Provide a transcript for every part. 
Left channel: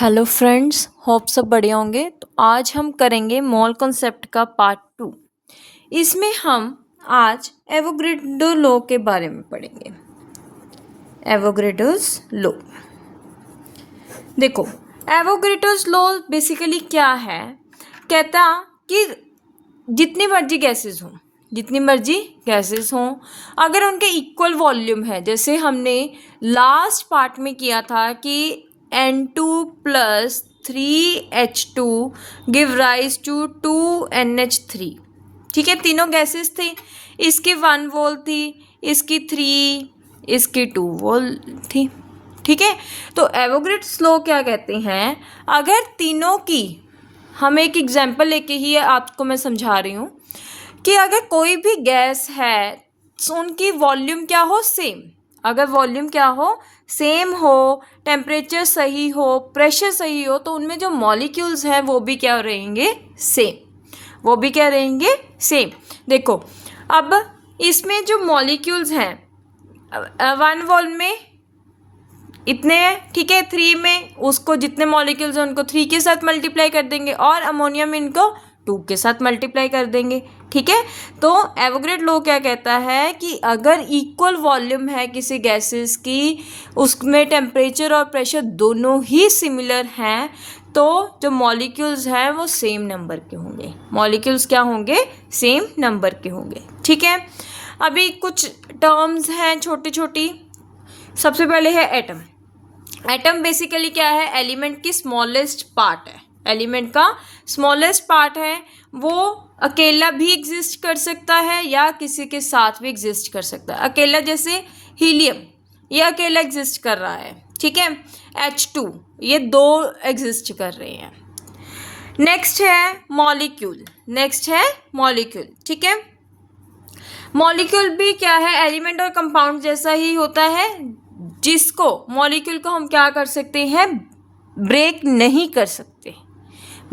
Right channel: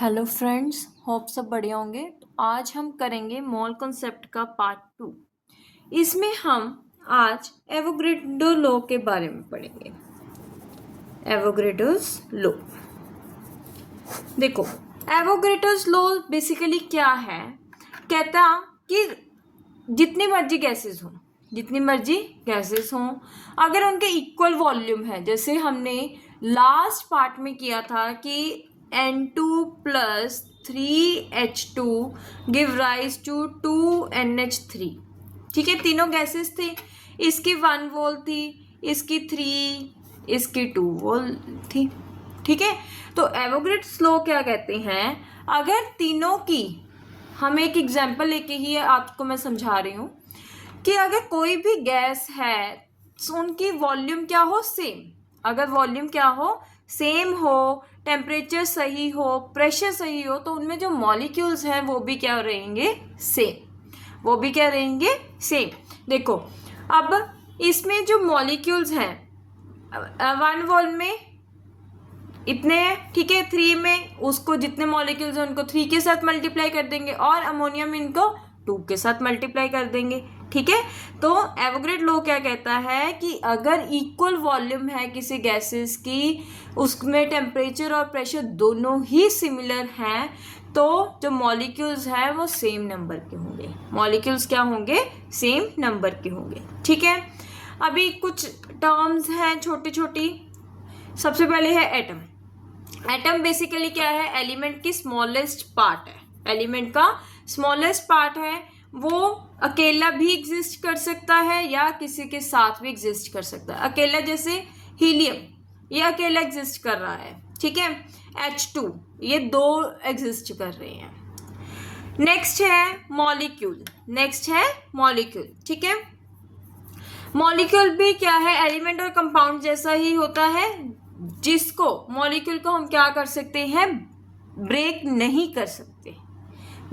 Hello friends, hope सब बढ़िया होंगे। तो आज हम करेंगे मोल कॉन्सेप्ट का पार्ट 2। इसमें हम आज एवोगैड्रो लॉ के बारे में पढ़ेंगे। एवोगैड्रोस लॉ, देखो एवोगैड्रोस लॉ बेसिकली क्या है। कहता कि जितनी मर्जी गैसेस हों, अगर उनके इक्वल वॉल्यूम है, जैसे हमने लास्ट पार्ट में किया था कि N2 plus 3H2 give rise to 2NH3। ठीक है, तीनों गैसेस थे। इसकी 1 वोल थी, इसकी 3, इसकी 2 वोल थी। ठीक है, तो एवोगैड्रोस लॉ क्या कहते हैं, अगर तीनों की, हम एक एग्जांपल लेके ही आपको मैं समझा रही हूँ कि अगर कोई भी गैस है तो उनकी वॉल्यूम क्या हो, सेम। अगर वॉल्यूम क्या हो, सेम हो, टेम्परेचर सही हो, प्रेशर सही हो, तो उनमें जो मॉलिक्यूल्स हैं वो भी क्या रहेंगे, सेम। वो भी क्या रहेंगे, सेम। देखो अब इसमें जो मॉलिक्यूल्स हैं, 1 वोल में इतने हैं, ठीक है। 3 में उसको जितने मॉलिक्यूल्स हैं उनको 3 के साथ मल्टीप्लाई कर देंगे, और अमोनिया में इनको 2 के साथ मल्टीप्लाई कर देंगे। ठीक है, तो एवोगैड्रो लॉ क्या कहता है कि अगर इक्वल वॉल्यूम है किसी गैसेस की, उसमें टेम्परेचर और प्रेशर दोनों ही सिमिलर हैं, तो जो मॉलिक्यूल्स हैं वो सेम नंबर के होंगे। मॉलिक्यूल्स क्या होंगे, सेम नंबर के होंगे। ठीक है, अभी कुछ टर्म्स हैं छोटी छोटी। सबसे पहले है एटम। एटम बेसिकली क्या है, एलिमेंट की स्मॉलेस्ट पार्ट है। एलिमेंट का स्मॉलेस्ट पार्ट है, वो अकेला भी एग्जिस्ट कर सकता है या किसी के साथ भी एग्जिस्ट कर सकता है। अकेला जैसे हीलियम, ये अकेला एग्जिस्ट कर रहा है। ठीक है, H2, ये 2 एग्जिस्ट कर रहे हैं। नेक्स्ट है मॉलिक्यूल। ठीक है, मॉलिक्यूल भी क्या है, एलिमेंट और कंपाउंड जैसा ही होता है, जिसको मॉलिक्यूल को हम क्या कर सकते हैं, ब्रेक नहीं कर सकते।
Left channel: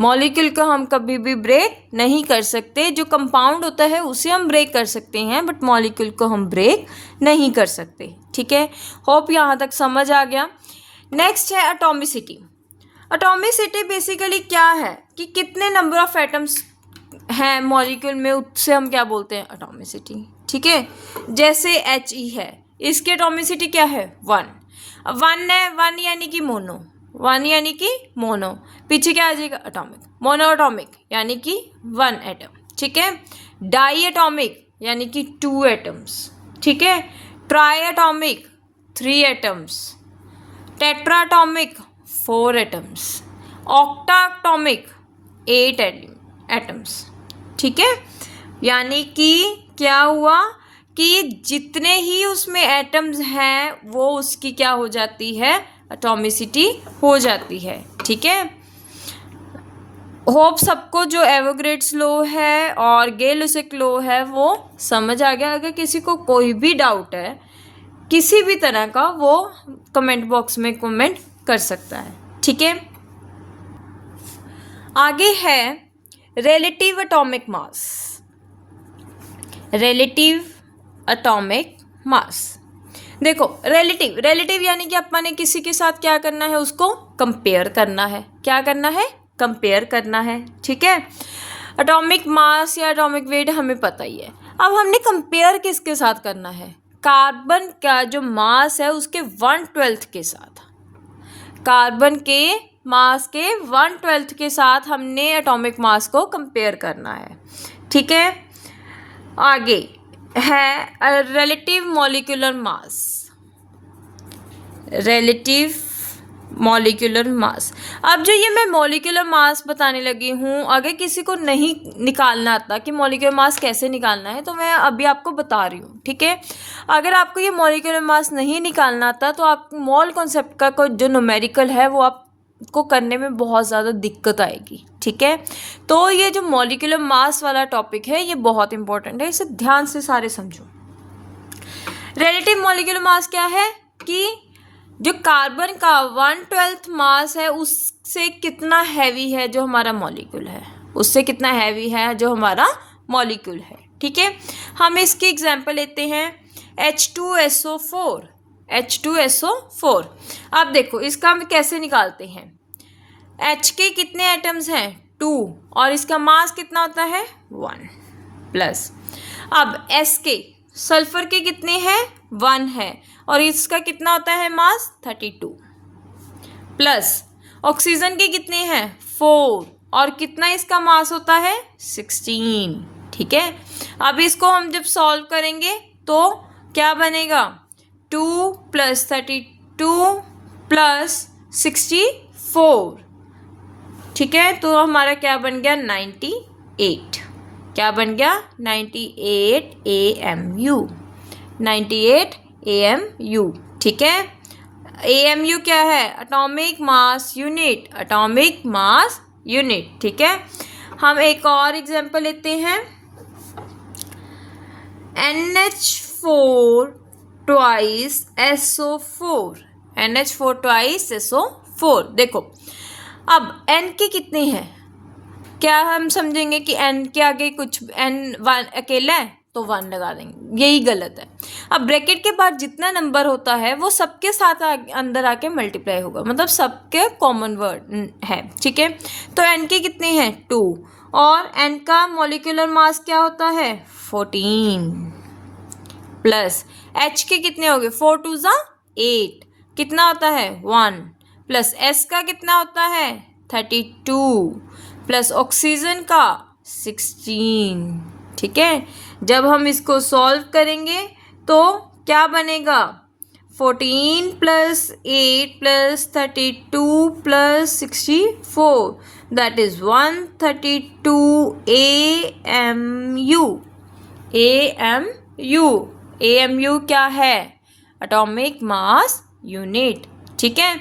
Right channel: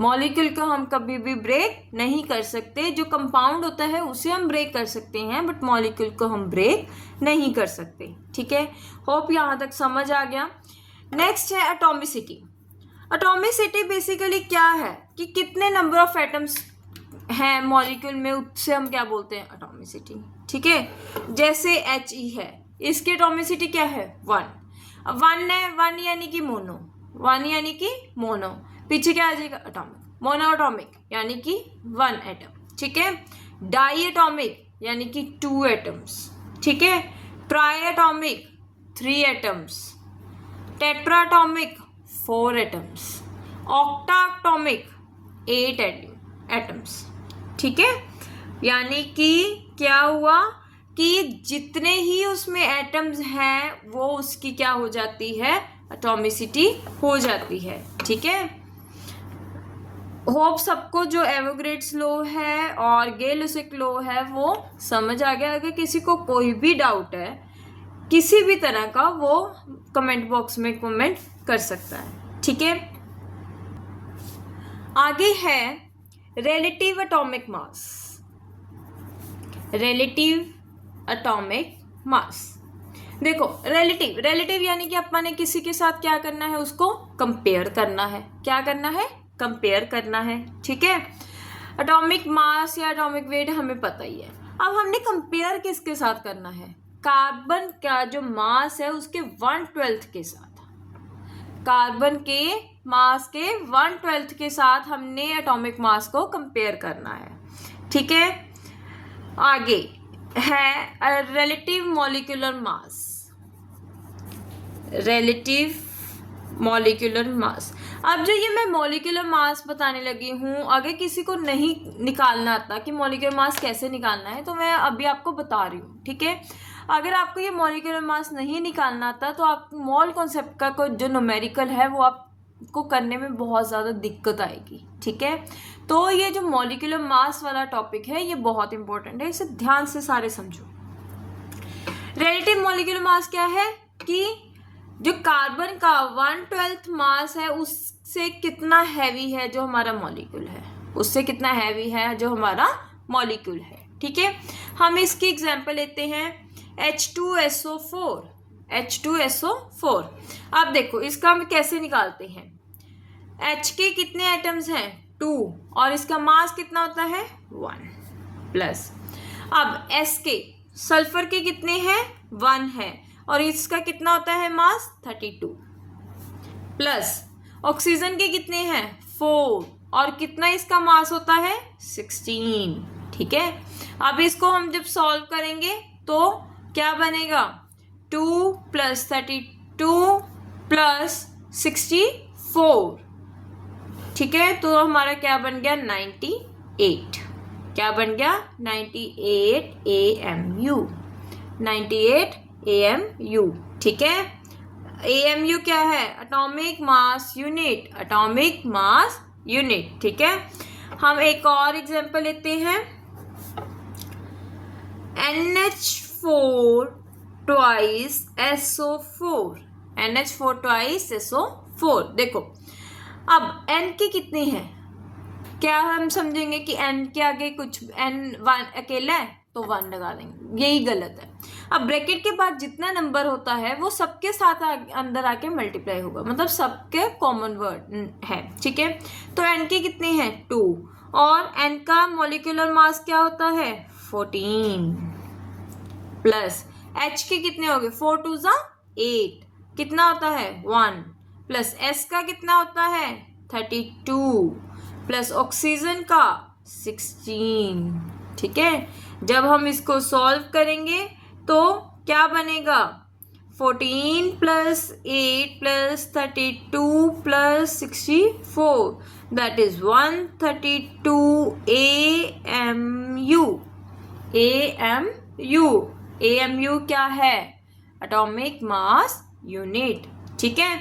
मॉलिक्यूल को हम कभी भी ब्रेक नहीं कर सकते। जो कंपाउंड होता है उसे हम ब्रेक कर सकते हैं, बट मॉलिक्यूल को हम ब्रेक नहीं कर सकते। ठीक है, होप यहाँ तक समझ आ गया। नेक्स्ट है एटॉमिसिटी। एटॉमिसिटी बेसिकली क्या है कि कितने नंबर ऑफ एटम्स हैं मॉलिक्यूल में, उससे हम क्या बोलते हैं, एटॉमिसिटी। ठीक है, जैसे He है, इसकी एटॉमिसिटी क्या है, 1। अब 1 है, 1 यानी कि मोनो, पीछे क्या आ जाएगा, एटॉमिक। मोनो एटॉमिक यानी कि 1 एटम। ठीक है, डाई एटॉमिक यानी कि 2 एटम्स। ठीक है, try atomic 3 atoms, tetra atomic 4 atoms, octa atomic 8 atoms. ठीक है, यानी कि क्या हुआ कि जितने ही उसमें एटम्स हैं वो उसकी क्या हो जाती है, एटॉमिसिटी हो जाती है। ठीक है, होप सबको जो एवोगैड्रोस लॉ है और गे-लुसाक लॉ है वो समझ आ गया। अगर किसी को कोई भी डाउट है किसी भी तरह का, वो कमेंट बॉक्स में कमेंट कर सकता है। ठीक है, आगे है रिलेटिव एटॉमिक मास। देखो रिलेटिव यानी कि अपने किसी के साथ क्या करना है, उसको कंपेयर करना है। क्या करना है, कंपेयर करना है। ठीक है, एटॉमिक मास या एटॉमिक वेट हमें पता ही है। अब हमने कंपेयर किसके साथ करना है, कार्बन का जो मास है उसके 1/12 के साथ। कार्बन के मास के 1/12 के साथ हमने एटॉमिक मास को कंपेयर करना है। ठीक है, आगे है रिलेटिव मॉलिक्यूलर मास। अब जो ये मैं मॉलिक्यूलर मास बताने लगी हूँ, अगर किसी को नहीं निकालना आता कि मॉलिक्यूलर मास कैसे निकालना है, तो मैं अभी आपको बता रही हूँ। ठीक है, अगर आपको ये मॉलिक्यूलर मास नहीं निकालना आता तो आप मोल कॉन्सेप्ट का कोई जो न्यूमेरिकल है वो आपको करने में बहुत ज़्यादा दिक्कत आएगी। ठीक है, तो ये जो मॉलिक्यूलर मास वाला टॉपिक है ये बहुत इंपॉर्टेंट है, इसे ध्यान से सारे समझो। रिलेटिव मॉलिक्यूलर मास क्या है कि जो कार्बन का 1/12 मास है उससे कितना हैवी है जो हमारा मॉलिक्यूल है, उससे कितना हैवी है जो हमारा मॉलिक्यूल है। ठीक है, हम इसकी एग्जांपल लेते हैं H2SO4। अब देखो इसका हम कैसे निकालते हैं, H के कितने एटम्स हैं 2 और इसका मास कितना होता है 1 प्लस। अब S के सल्फर के कितने हैं 1 है और इसका कितना होता है मास 32 प्लस ऑक्सीजन के कितने हैं 4 और कितना इसका मास होता है 16। ठीक है, अब इसको हम जब सॉल्व करेंगे तो क्या बनेगा 2 + 32 + 64। ठीक है, तो हमारा क्या बन गया 98। क्या बन गया 98 AMU। 98 AMU। ठीक है, AMU क्या है atomic mass unit. Atomic mass unit. ठीक है, हम एक और एग्जांपल लेते हैं NH4 twice SO4। NH4 twice SO4। देखो अब N के कितने हैं, क्या हम समझेंगे कि N के आगे कुछ N1 अकेला है तो 1 लगा देंगे, यही गलत है। अब ब्रैकेट के बाद जितना नंबर होता है वो सबके साथ अंदर आके मल्टीप्लाई होगा, मतलब सबके कॉमन वर्ड है। ठीक है, तो N के कितने हैं 2 और N का मॉलिक्यूलर मास क्या होता है 14 प्लस H के कितने हो गए 4 2 8 कितना होता है 1 प्लस S का कितना होता है 32 प्लस ऑक्सीजन का 16। ठीक है, जब हम इसको सॉल्व करेंगे तो क्या बनेगा 14 + 8 + 32 + 64 that is 132 AMU। AMU। AMU क्या है एटॉमिक मास यूनिट। ठीक है,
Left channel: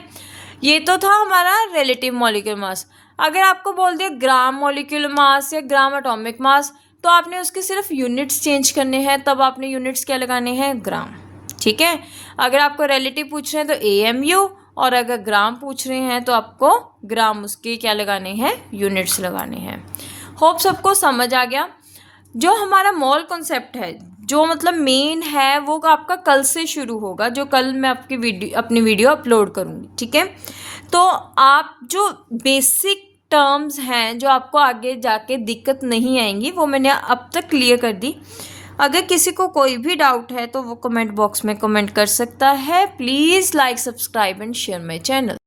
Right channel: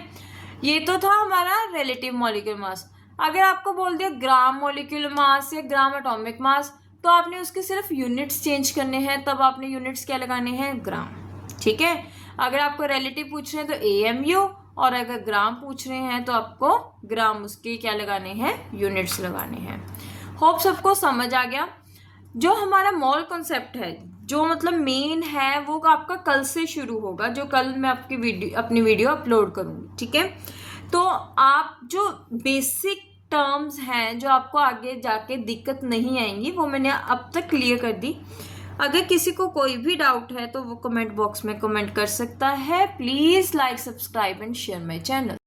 ये तो था हमारा रिलेटिव मॉलिक्यूलर मास। अगर आपको बोल दिया ग्राम मॉलिक्यूलर मास या ग्राम एटॉमिक मास तो आपने उसके सिर्फ यूनिट्स चेंज करने हैं, तब आपने यूनिट्स क्या लगाने हैं ग्राम। ठीक है, अगर आपको रिलेटिव पूछ रहे हैं तो AMU और अगर ग्राम पूछ रहे हैं तो आपको ग्राम उसके क्या लगाने हैं यूनिट्स लगाने हैं। होप सबको समझ आ गया। जो हमारा मोल कॉन्सेप्ट है जो मतलब मेन है वो आपका कल से शुरू होगा, जो कल मैं अपनी वीडियो अपलोड करूँगी। ठीक है, तो आप जो बेसिक टर्म्स हैं जो आपको आगे जाके दिक्कत नहीं आएंगी वो मैंने अब तक क्लियर कर दी। अगर किसी को कोई भी डाउट है तो वो कमेंट बॉक्स में कमेंट कर सकता है। Please like subscribe and share my channel.